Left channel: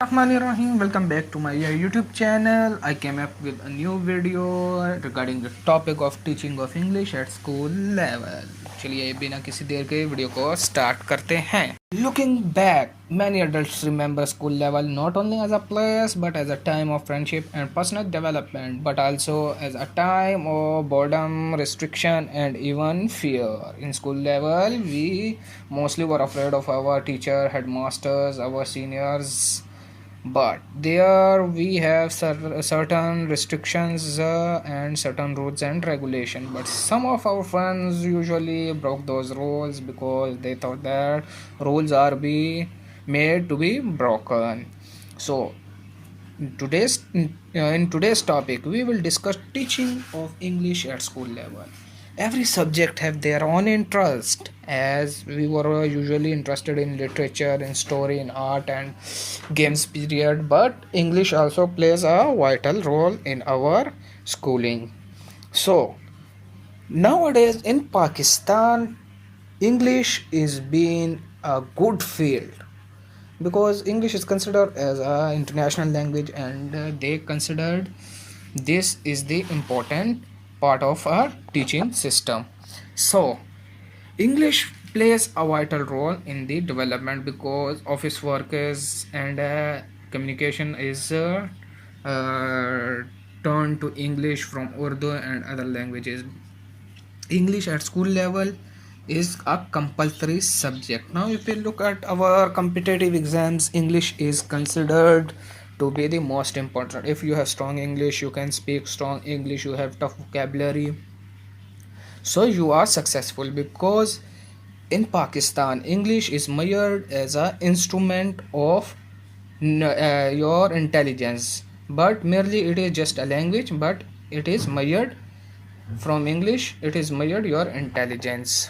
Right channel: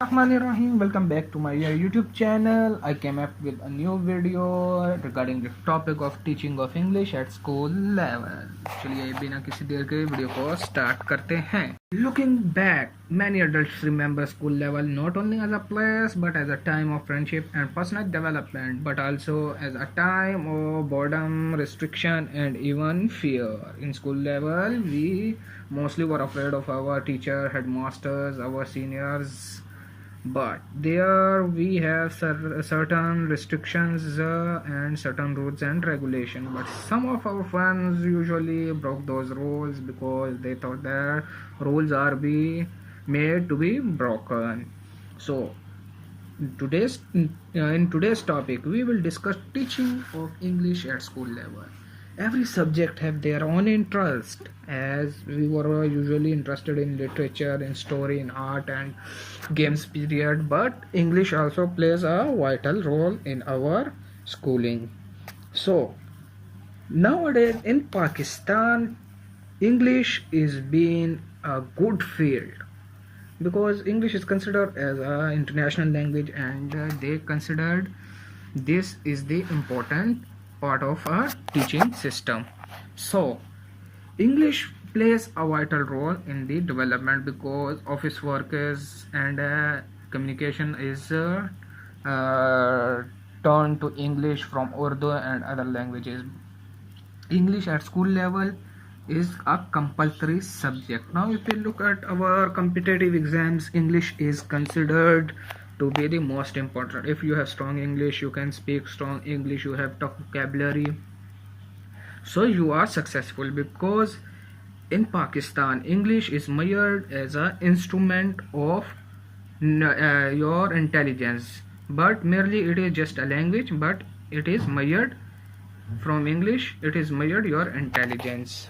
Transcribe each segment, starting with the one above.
Rahim. Welcome back to my YouTube channel. I came up with a new video regarding the topic of teaching of English at school level. चलिए बिना किसी देर के video को start करते हैं. Looking back, many adults remember school level not only as a place but as a time of friendship and personal development, but also as a time of boredom, restriction, and even fear. In school level, we mostly were afraid of our teacher, headmasters, our seniors, but there we have certain restrictions and certain rules and regulation, but some of our friends usually broke those rules because they thought that rules are be made to be broken. So in today's topic we will discuss teaching of English at school level. Every subject have their own interest, as we were usually interested in literature, in story, in art and games period, but English also plays a vital role in our schooling. So nowadays in Pakistan, English is being a good field because English is considered as an international language, and they considered this is the important part of our teaching system. So English plays a vital role in the development because office work is and communication is uh, turned to English from Urdu and other languages. English at school level is a compulsory subject. Now, if we look at our competitive exams, English is considered to be the most important. If you have strong English, you can speak strong English, you have tough vocabulary, so you are successful, because in Pakistan, English is measured as an instrument of your intelligence, but merely it is just a language, but it is measured from English, it is measured your intelligence.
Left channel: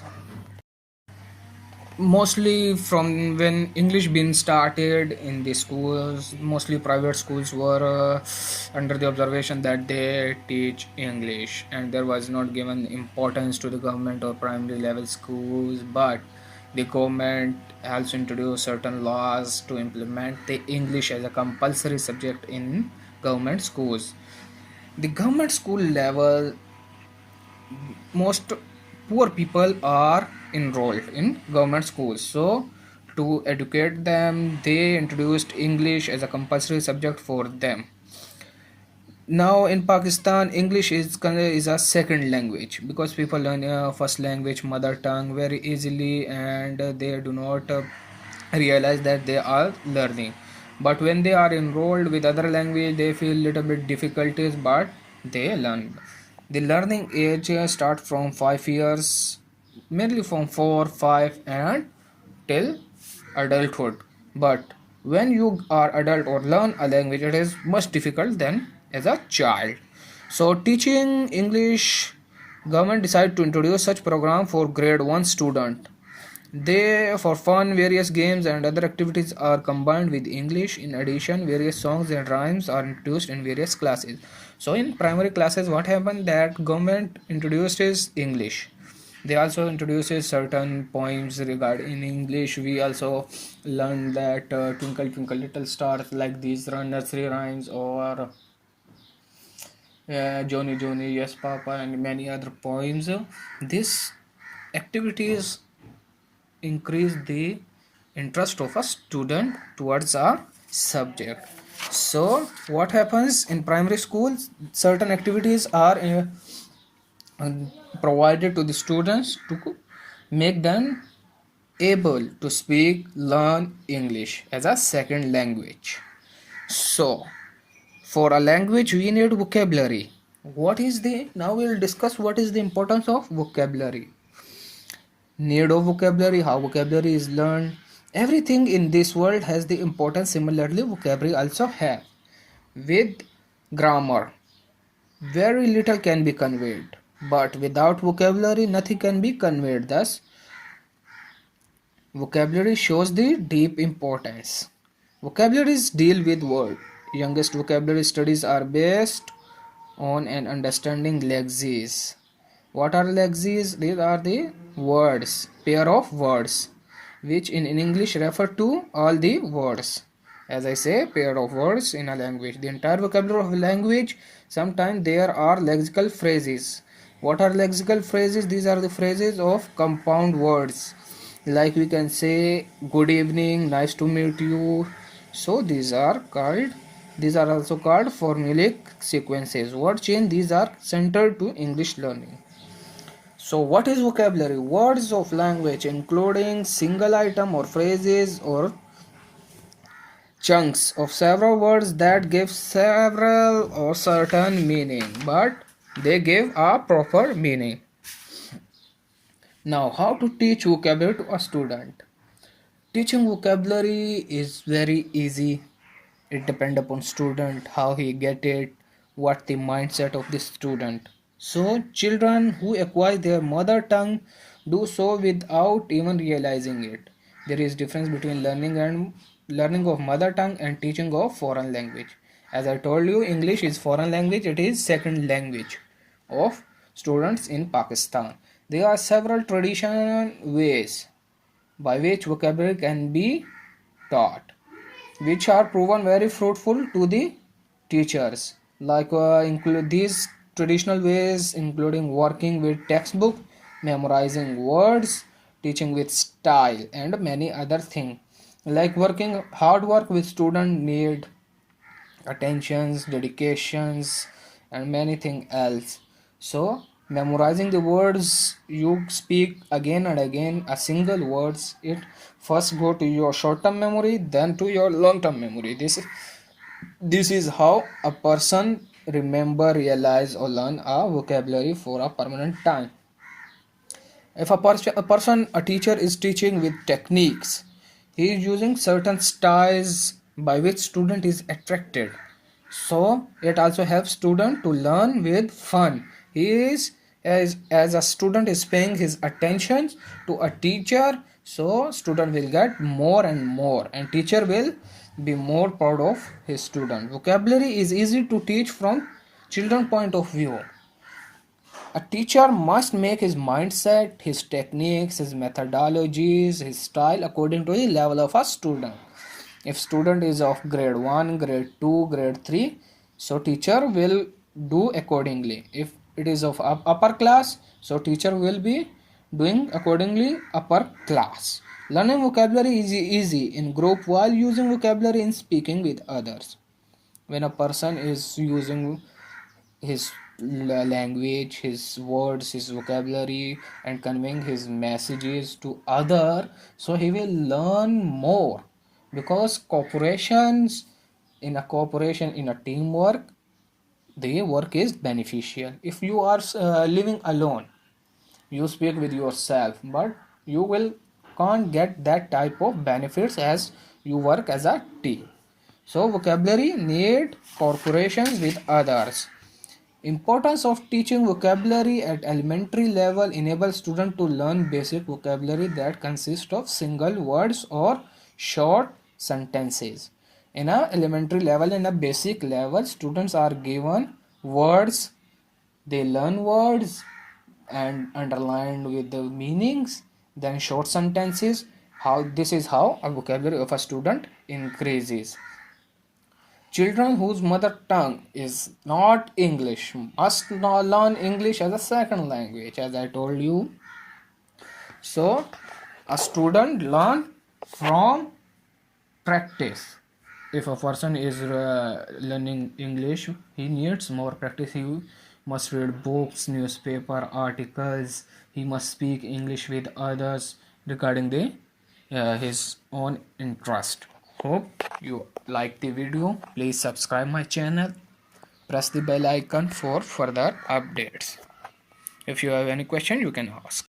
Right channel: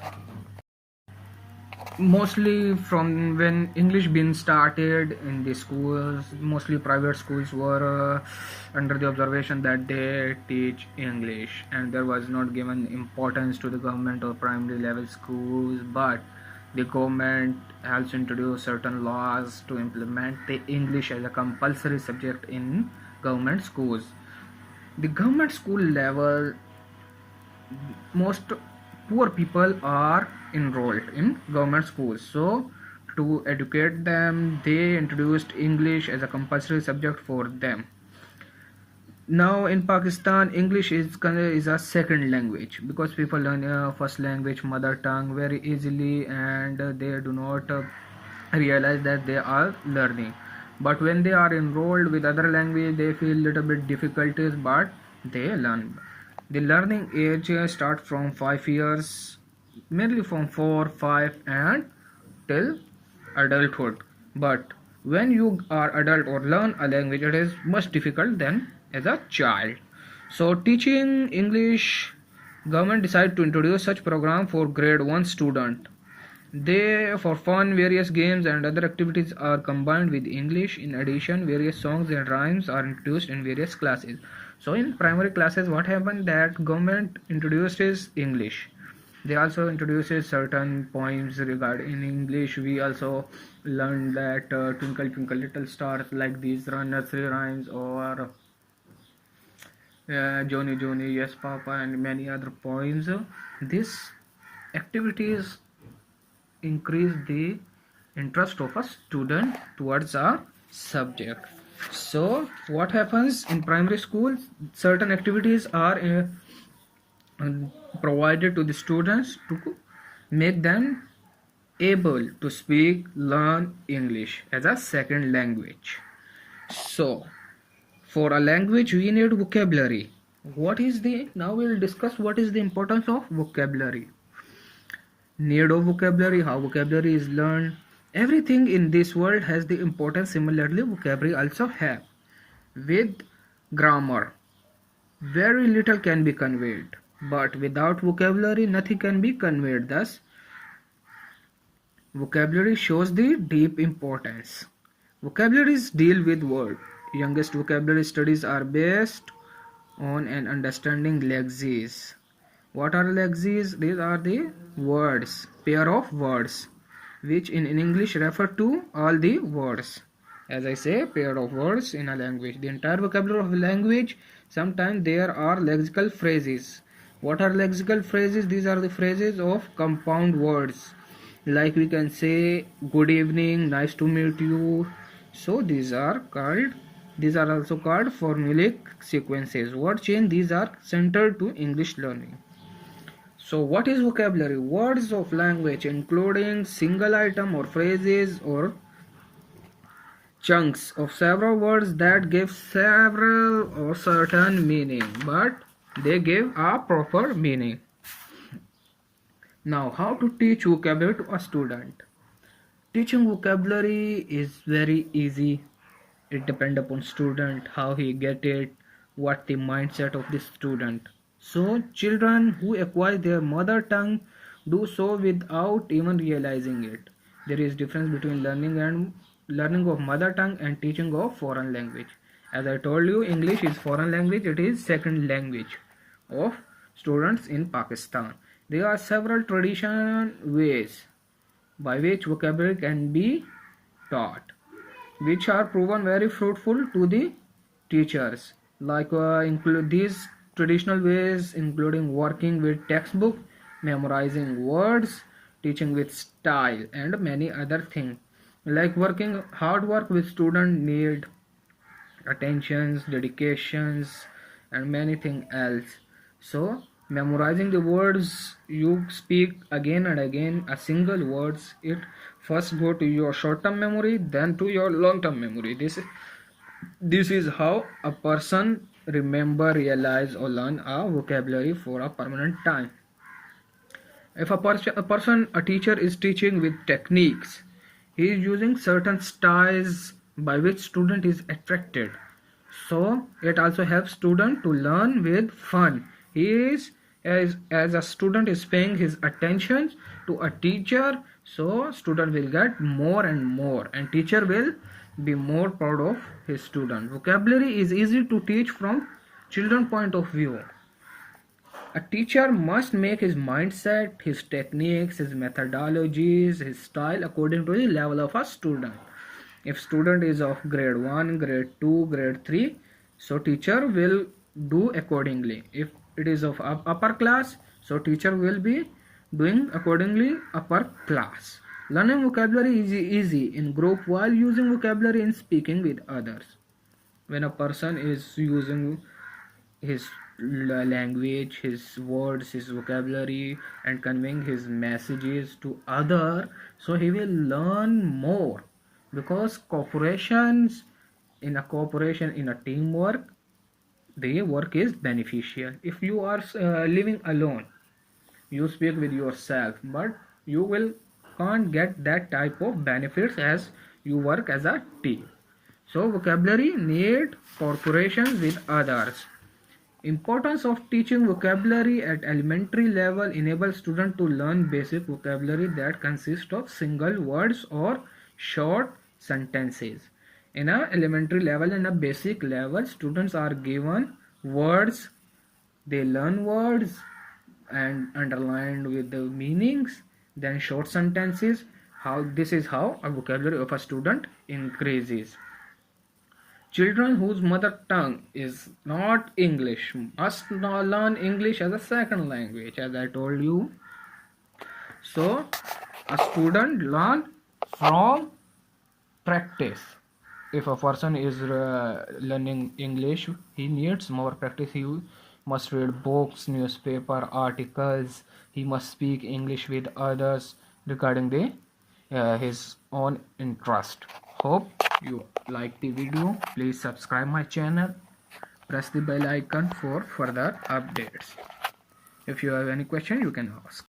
Mostly from when English been started in the schools, mostly private schools were under the observation that they teach English, and there was not given importance to the government or primary level schools, but the government also introduced certain laws to implement the English as a compulsory subject in government schools. The government school level, most poor people are enrolled in government schools, so to educate them they introduced English as a compulsory subject for them. Now in Pakistan, English is a second language because people learn first language, mother tongue, very easily, and they do not realize that they are learning, but when they are enrolled with other language they feel little bit difficulties, but they learn. The learning age start from 5 years, mainly from 4, 5 and till adulthood. But when you are adult or learn a language, it is much difficult than as a child. So teaching English, government decided to introduce such program for grade 1 student. They, for fun, various games and other activities are combined with English. In addition, various songs and rhymes are introduced in various classes. So in primary classes, what happened that government introduced is English. They also introduces certain poems regarding in English. We also learned that Twinkle Twinkle Little Stars, like these nursery rhymes, or Johnny Johnny Yes Papa, and many other poems. These activities increase the interest of a student towards a subject. So what happens in primary schools, certain activities are provided to the students to make them able to speak, learn English as a second language. So for a language we need vocabulary. What is the, now we will discuss what is the importance of vocabulary, need of vocabulary, how vocabulary is learned. Everything in this world has the importance. Similarly, vocabulary also have. With grammar, very little can be conveyed, but without vocabulary, nothing can be conveyed. Thus, vocabulary shows the deep importance. Vocabularies deal with word. Youngest vocabulary studies are based on an understanding lexemes. What are lexemes? These are the words, pair of words, which in English refer to all the words. As I say, pair of words in a language. The entire vocabulary of a language. Sometimes there are lexical phrases. What are lexical phrases? These are the phrases of compound words. Like we can say good evening, nice to meet you. So these are also called formulaic sequences. Word chain, these are centered to English learning. So what is vocabulary? Words of language including single item or phrases or chunks of several words that give several or certain meaning, but they give a proper meaning. Now, how to teach vocabulary to a student? Teaching vocabulary is very easy. It depends upon student how he get it, what the mindset of the student. So children who acquire their mother tongue do so without even realizing it. There is difference between learning of mother tongue and teaching of foreign language. As I told you, English is foreign language. It is second language of students in Pakistan. There are several traditional ways by which vocabulary can be taught, which are proven very fruitful to the teachers. Like include these traditional ways, including working with textbook, memorizing words, teaching with style, and many other things. Like working hard work with student need attentions, dedications, and many things else. So memorizing the words you speak again and again, a single words, it first go to your short-term memory, then to your long-term memory. This is how a person remember, realize, or learn a vocabulary for a permanent time. If a teacher is teaching with techniques, he is using certain styles by which student is attracted. So it also helps student to learn with fun. He is as a student is paying his attention to a teacher, so student will get more and more, and teacher will be more proud of his student. Vocabulary is easy to teach from children point of view. A teacher must make his mindset, his techniques, his methodologies, his style according to the level of a student. If student is of grade 1, grade 2, grade 3, so teacher will do accordingly. If it is of upper class, so teacher will be doing accordingly upper class. Learning vocabulary is easy in group while using vocabulary in speaking with others. When a person is using his language, his words, his vocabulary, and conveying his messages to other, so he will learn more, because cooperation in a teamwork, the work is beneficial. If you are living alone, you speak with yourself, but you will can't get that type of benefits as you work as a team. So vocabulary need corporations with others. Importance of teaching vocabulary at elementary level enables students to learn basic vocabulary that consist of single words or short sentences. In a elementary level and a basic level, students are given words, they learn words and underlined with the meanings, then short sentences. How this is how a vocabulary of a student increases. Children whose mother tongue is not English must now learn English as a second language, as I told you. So, a student learn from practice. If a person is learning English, he needs more practice. He must read books, newspaper, articles. He must speak English with others regarding the his own interest. Hope you like the video. Please subscribe my channel. Press the bell icon for further updates. If you have any question, you can ask.